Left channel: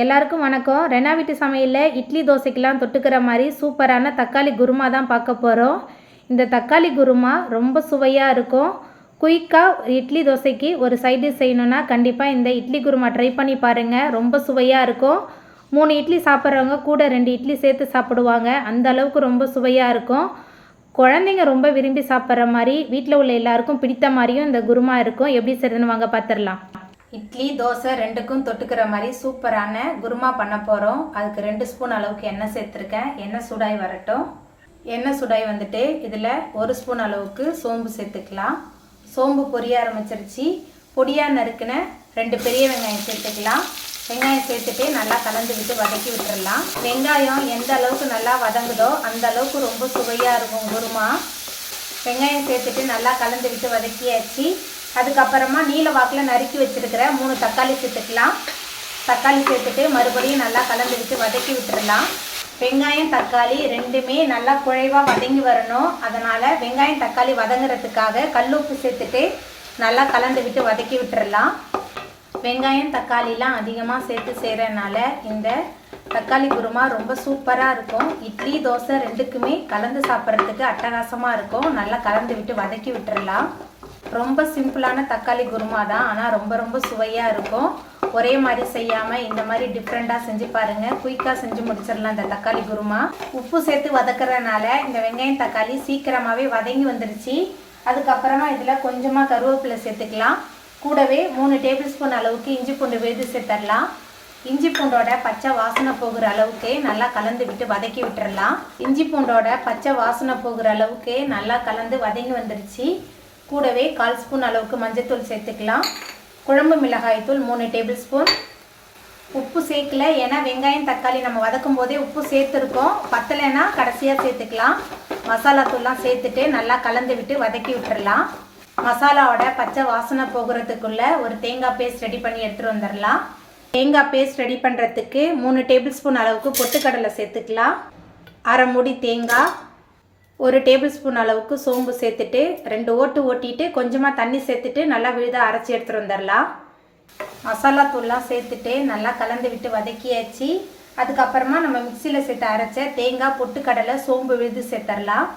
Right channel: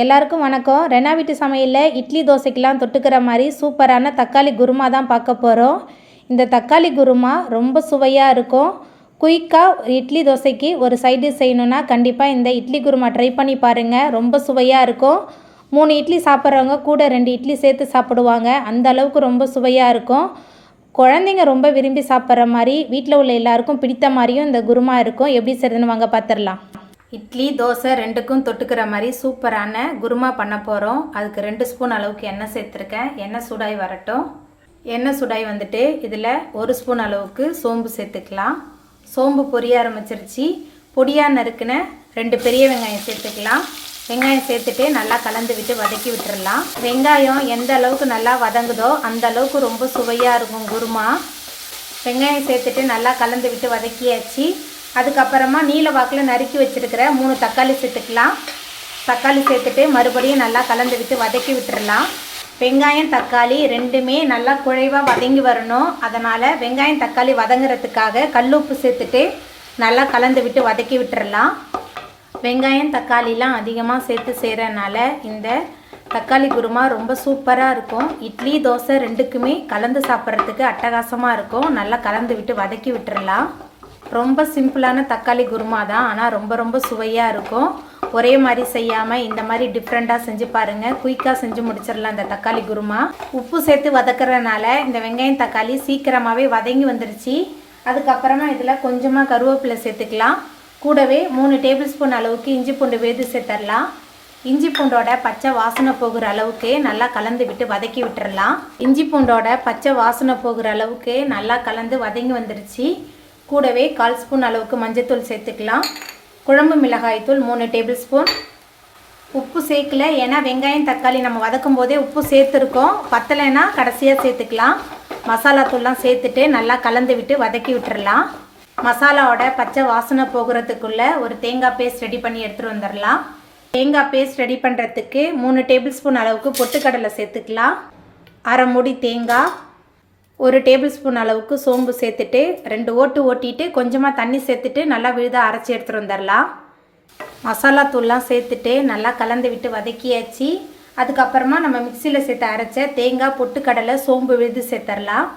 எல்லாருக்கும் வணக்கம். ரெனா வீட்டு சமையலில் இட்லி தோசைக்கெலாம் தொட்டுக்கிற மாதிரி சூப்பரான தக்காளி குருமா தான் பார்க்க போகிறோம். இந்த தக்காளி குருமா ரொம்ப சுவையாக இருக்கும். குயிக்காக இட்லி தோசைக்கு ஒரு சைடு செய்யணுன்னா கண்டிப்பாக இந்த இட்லி குருமா ட்ரை பண்ணி பாருங்கள். ரொம்ப சுவையாக இருக்கும். 3 இட்லி சாப்பிட்றவங்க கூட 2 இட்லி சேர்த்து சாப்பிடுவாங்க. அந்த அளவுக்கு ரொம்ப சுவையாக இருக்கும். குழந்தைங்க ரொம்ப விரும்பி சாப்பிட்ற மாதிரி வீட்டில் உள்ள எல்லாருக்கும் பிடித்த மாதிரியும் இந்த குருமா இருக்கும். எப்படி செய்யணும்னு வாங்க பார்த்துடலாம். இட்லி தோசை ரெண்டுக்கும் தொட்டுக்கிற மாதிரி சூப்பரான குருமா பண்ண போகிறோம். அதுக்கு 2 ஸ்பூன் அளவுக்கு எண்ணெய் சேர்த்துருக்கேன். எண்ணெய் சூடாகி வரட்டும். எண்ணெய் சூடாகி வந்துட்டு இதில் 1 ஸ்பூன் அளவுக்கு சோம்பு சேர்த்துக்கலாம். சோம்பு பொரிய ஆரம்பிச்சிருச்சு. பொடியாக நறுக்குன 2 பெரிய வெங்காயம் சேர்த்துக்கலாம். வெங்காயம் சேர்த்துட்டு நல்லா கலந்து விட்டு வதக்கி விட்டுடலாம். வெங்காயம் எந்த அளவுக்கு நல்லா வதங்குதோ அந்த அளவுக்கு ரொம்ப சுவையாக இருக்கும் குருமா. வெங்காயம் சேர்த்துட்டு நல்லா கலந்து விட்டு வதக்கியாச்சு. அதுக்கப்புறமா நீல வாக்கில் நறுக்கி வச்சுருக்கிற 3 தக்காளி சேர்த்துக்கலாம். தக்காளி சேர்த்துட்டு மறுபடியும் நல்லா கலந்து விட்டு வதக்கி விட்டுடலாம். வெங்காயம் தக்காளி ரெண்டுமே நல்லா குழைவாக வதங்கி வரணும். அதனால் வெங்காயம் தக்காளி வதங்குறதுக்காக கல்லுப்பு சேர்த்துட்டு நல்லா கலந்து விட்டு வதக்கி விட்டுடலாம். வெங்காயம் தக்காளிலாம் அதிகமாக சேர்த்து செய்கிறதுனால இந்த தக்காளி குருமா ரொம்ப சூப்பராக இருக்கும். இட்லி தோசை ரெண்டுக்குமே கலந்து சாப்பிட்றதுக்கு அட்டகாசமாக இருக்கும். நல்லா கலந்து விட்டு வதக்கி விட்டுடலாம். ரொம்ப சிம்பிளான தக்காளி குருமா தான், ஆனால் ரொம்ப சுவையாக இருக்கும். ஒரே மாதிரி செய்யாமல் இந்த மாதிரி டிஃப்ரெண்ட்டாக செஞ்சு பாருங்கள். குயிக்காக செஞ்சு முடிச்சிடலாம் இந்த தக்காளி குருமா. உப்பு சேர்த்து வதக்கிறதுனால இந்த வெங்காயம் தக்காளி சீக்கிரமாகவே வதங்கி வந்துடுச்சு. அதுக்கப்புறமா இதில் கொஞ்சமாக கருவேப்பிலை சேர்த்துக்கலாம். கூடவே 3 டேபிள் ஸ்பூன் அளவுக்கு இஞ்சி பூண்டு விழுது சேர்த்துடலாம். இஞ்சி பூண்டோட பச்சை வாசனை போகிற அளவுக்கு நல்லா கலந்து விட்டு வதக்கி விட்டுறலாம். இஞ்சி பூண்டோட பச்சை வாசனை போகிற அளவுக்கு நல்லா கலந்து வதங்கி வந்துடுச்சு. கூடவே 1/4 ஸ்பூன் அளவுக்கு மஞ்சத்தூள் சேர்த்துக்கலாம். குழம்பு மிளகாய் தூள் 3 டேபிள் ஸ்பூன். உப்பு சேர்க்கல, ஏன்னா வெங்காயம் தக்காளி நம்ம வதக்கும் போதே உப்பு சேர்த்துருக்கோம். பத்தலைன்னா கடைசியாக சேர்த்துக்கலாம். மசாலா தூள்லாம் சேர்த்துட்டு நல்லா கலந்து விட்டு வதக்கி விட்டுறலாம். மசாலாவோட பச்சை வாசனை போகிறதுக்குள்ளே ஒரு தேங்காய் பேஸ்ட் ரெடி பண்ணி எடுத்துகிட்டு வந்துடலாம். தேங்காய் பேஸ்ட் ரெடி பண்ணுறதுக்கு 3 டேபிள் ஸ்பூன் அளவுக்கு பொட்டுக்கடலை சேர்த்துக்கலாம். 1/2 மூடி தேங்காய், 1 டேபிள் ஸ்பூன் அளவுக்கு சோம்பு சேர்த்துட்டு 2 ஓட்டு ஓட்டிட்டு கொஞ்சமாக தண்ணி சேர்த்துட்டு நல்லா விழுதாக அரைச்சி எடுத்துகிட்டு வந்துடலாம். மசாலா தூள்லாம் சேர்த்துட்டு நல்லா கலந்து விட்டு வதக்கியாச்சு. அதுக்கப்புறமா நம்ம மிக்சியில் சேர்த்து அரைச்ச தேங்காய், பொட்டுக்கடலை, சோம்பு விழுது சேர்த்துடலாம்.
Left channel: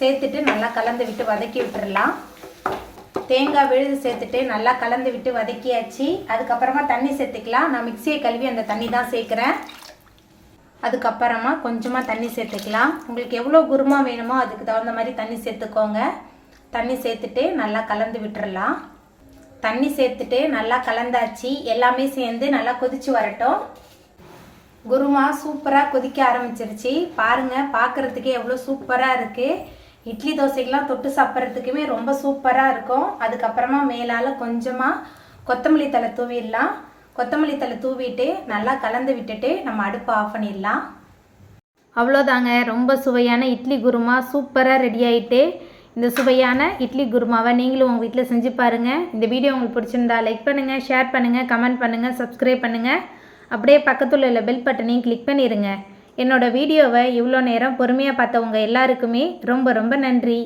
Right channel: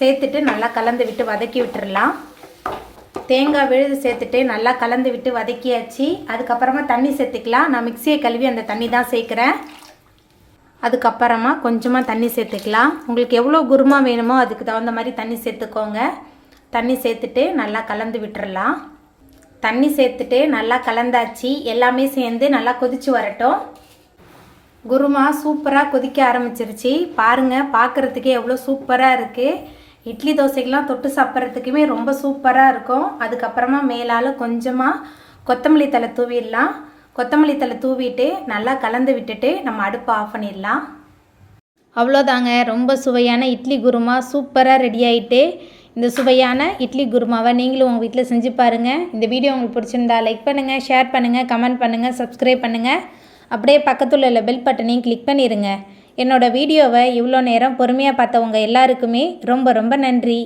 சேர்த்துட்டு நல்லா கலந்து விட்டு வதக்கி விட்டுடலாம். தேங்காய் விழுது சேர்த்துட்டு நல்லா கலந்து விட்டு வதக்கியாச்சு. அதுக்கப்புறமா தண்ணி சேர்த்துக்கலாம். நான் மிக்சியை கழுவி அந்த தண்ணி தான் சேர்க்குறேன். அதுக்கப்புறமா கொஞ்சமாக தண்ணி சேர்த்துக்கலாம். உங்களுக்கு எவ்வளோ குருமா வேணுமோ அதுக்கு தகுந்த மாதிரி தண்ணி சேர்த்துக்கோங்க. தண்ணி சேர்த்துட்டு நல்லா கலந்து விட்டுறலாம். தண்ணி சேர்த்துட்டு நல்லா கலந்தாச்சு. எல்லாமே சேர்ந்து நல்லா கொதிச்சு வரட்டும். குருமா சூப்பராக கொதிக்க ஆரம்பிச்சிருச்சு. பாருங்கள், பார்க்குறதுக்கே எவ்வளோ சூப்பராக இருக்குது. இட்லி தோசைக்கெலாம் தொட்டு சாப்பிட்றதுக்குமே ரொம்ப சூப்பராக இருக்கும். அதுக்கப்புறமா மேலால் கொஞ்சமாக கொத்தமல்லி தழை தூவிடலாம். கொத்தமல்லி தழை தூவிட்டு நல்லா கலந்து விட்டுட்டு நம்ம அடுப்பை ஆஃப் பண்ணிடலாம். அவ்வளோதாங்க, ரொம்ப சுவையான இட்லி குருமா சூப்பராக ரெடி ஆகிட்டு. இந்த சுவையான இட்லி குருமாவை நீங்களும் உங்கள் வீட்டில் செஞ்சு பாருங்கள். இந்த வீடியோ உங்களுக்கு பிடிச்சிருந்தா லைக் பண்ணுங்கள், ஷேர் பண்ணுங்கள், கமெண்ட் பண்ணுங்கள், சப்ஸ்கிரைப் பண்ணுங்கள். அப்படியே பக்கத்தில் உள்ள பெல் பட்டனையும் கிளிக் பண்ணிடுங்க. என்னோடய வீடியோவை இவ்வளோ நேரம் பொறுமையாக பார்த்தவங்க எல்லாருக்குமே ரொம்ப நன்றி.